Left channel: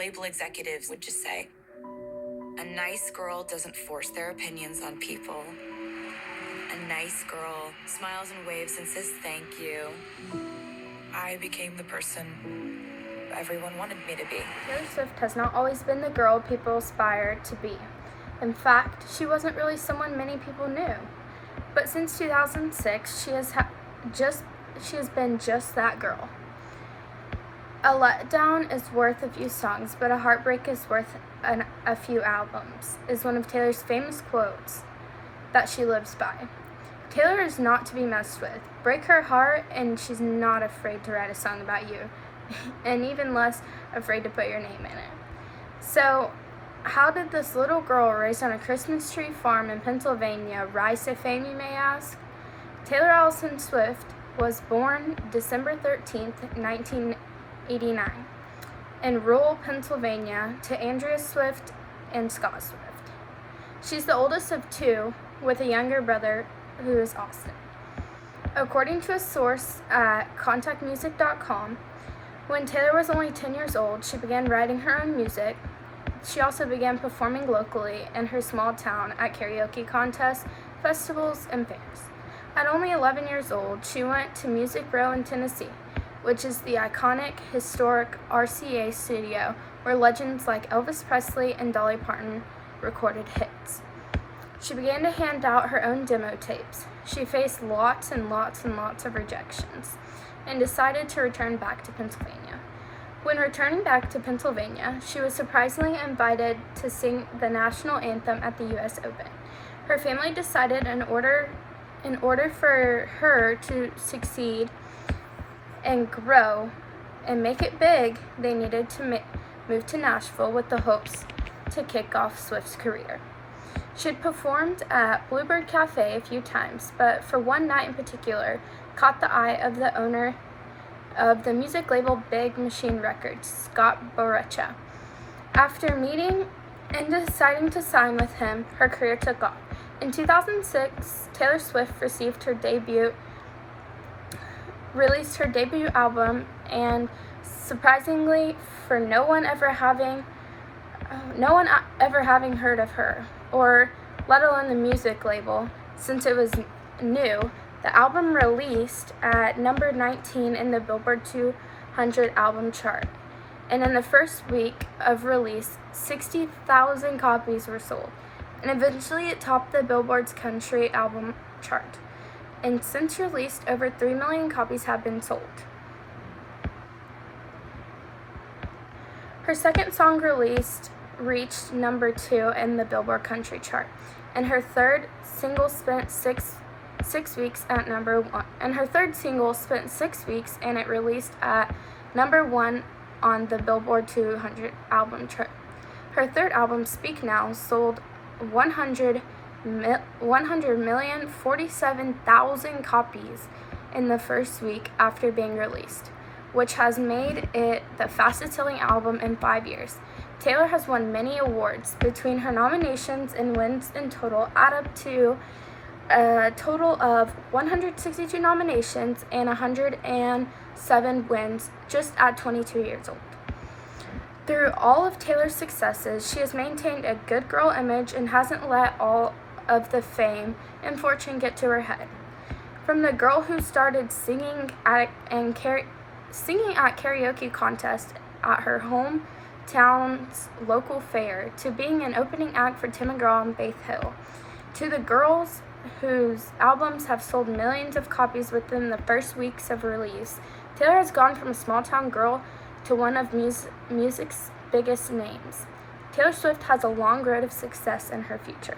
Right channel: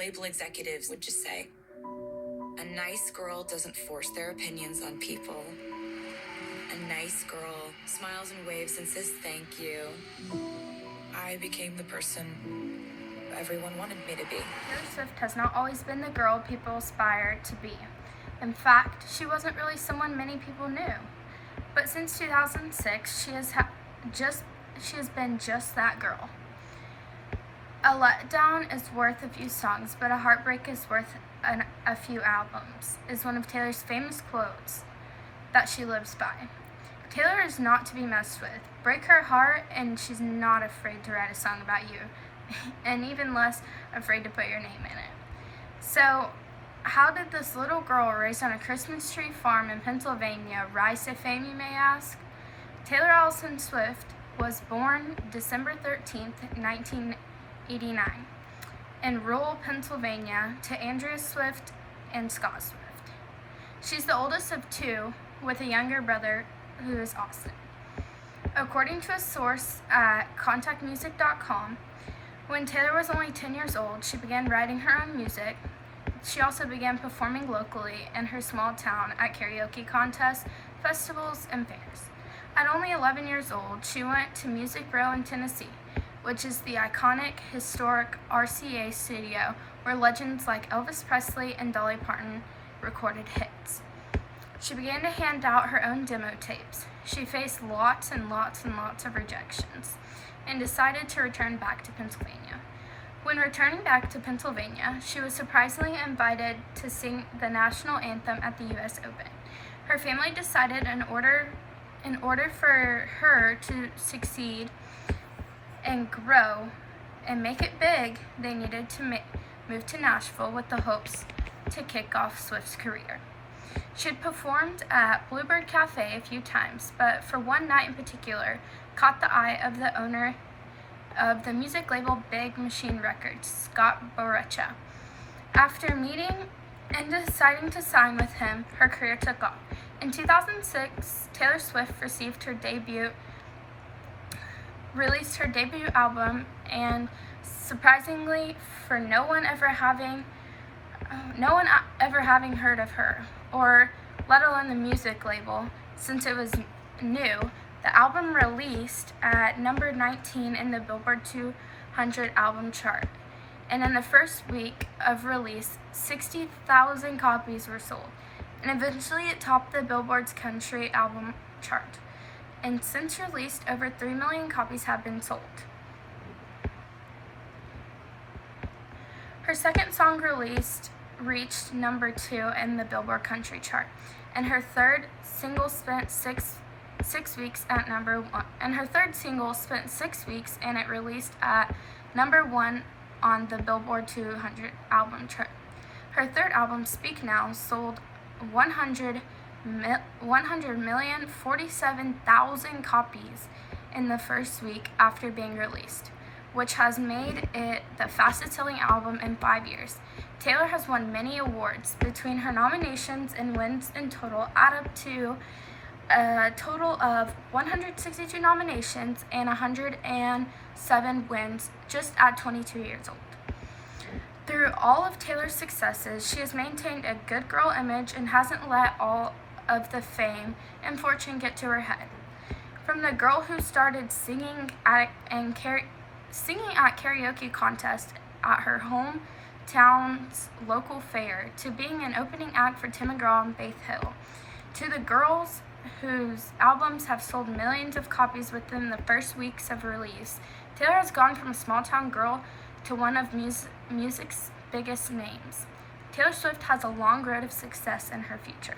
label executives would just say, a nice girl doesn't force their opinions on people. A nice girl smiles and waves and says thank you. I became the person everyone wanted me to be. Taylor Swift has not always been the girl people aspire to be. In fact, she wasn't really someone many people knew. But since 2006, she has been just that girl. A letdown is worth a few songs, but a heartbreak is worth a few albums, is one of Taylor's famous quotes that she lives by. Taylor is not to be messed with. Break her heart, and she's not afraid to write a song about you, and even less afraid to put your name in it. So, how did this little girl raised on a Christmas tree farm in Pennsylvania rise to fame, you may ask? Taylor Allison Swift was born December 13th, 1989, in rural Pennsylvania to Andrea Swift and Scott Swift. She's the oldest of two, with a younger brother who is Austin. According to a source at contactmusic.com, when Taylor was only 10 years old, she began writing her own music. She also began performing locally in her small town at karaoke contests, festivals, and fairs. At only 11 years old, she went to Music Row in Tennessee, which is the iconic, historic RCA studio where legends like Elvis Presley and Dolly Parton recorded hits. She began to hand out her own demo tapes. She faced lots and lots and lots of rejections and decided to return back to Pennsylvania. When returning back to Pennsylvania, she was surprisingly invited to sing the national anthem at the U.S. Open. Her family decided in order for her to succeed and grow and make it big, they needed to move to Nashville with the hopes to kick off Swift's career. She had performed at Bluebird Cafe a few times, but for one night in particular, caught the eye of the owner of the music label Big Machine Records, Scott Borrecha. After meeting and deciding to sign with him, her career took off. In 2006, Taylor Swift released her debut album, and surprisingly, for no one ever having heard of her, or let alone the music label, since it was new, the album released at number 19 in the Billboard 200 album chart. And in the first week of release, 60,000 copies were sold. And eventually it topped the Billboard's country album chart. And since released, over 3 million copies have been sold. Her second song released reached number 2 in the Billboard country chart, and her third single spent six weeks at number 1. And her third single spent 6 weeks, and it released at number 1 on the Billboard 200 album chart. Her third album, Speak Now, sold 100,047,000 copies in the first week after being released, which has made it the fastest selling album in 5 years. Taylor has won many awards. Between her nominations and wins in total add up to a total of 162 nominations and 107 wins just at 22 years old. Through all of Taylor's successes, she has maintained a good girl image and hasn't let all of the fame and fortune get to her head. From the girl who started singing at karaoke contests at her hometown's local fair, to being an opening act for Tim McGraw and Faith Hill, to the girls whose albums have sold millions of copies within the first weeks of release, Taylor has gone from a small-town girl to one of music's biggest names. Taylor Swift has a long road of success in her future.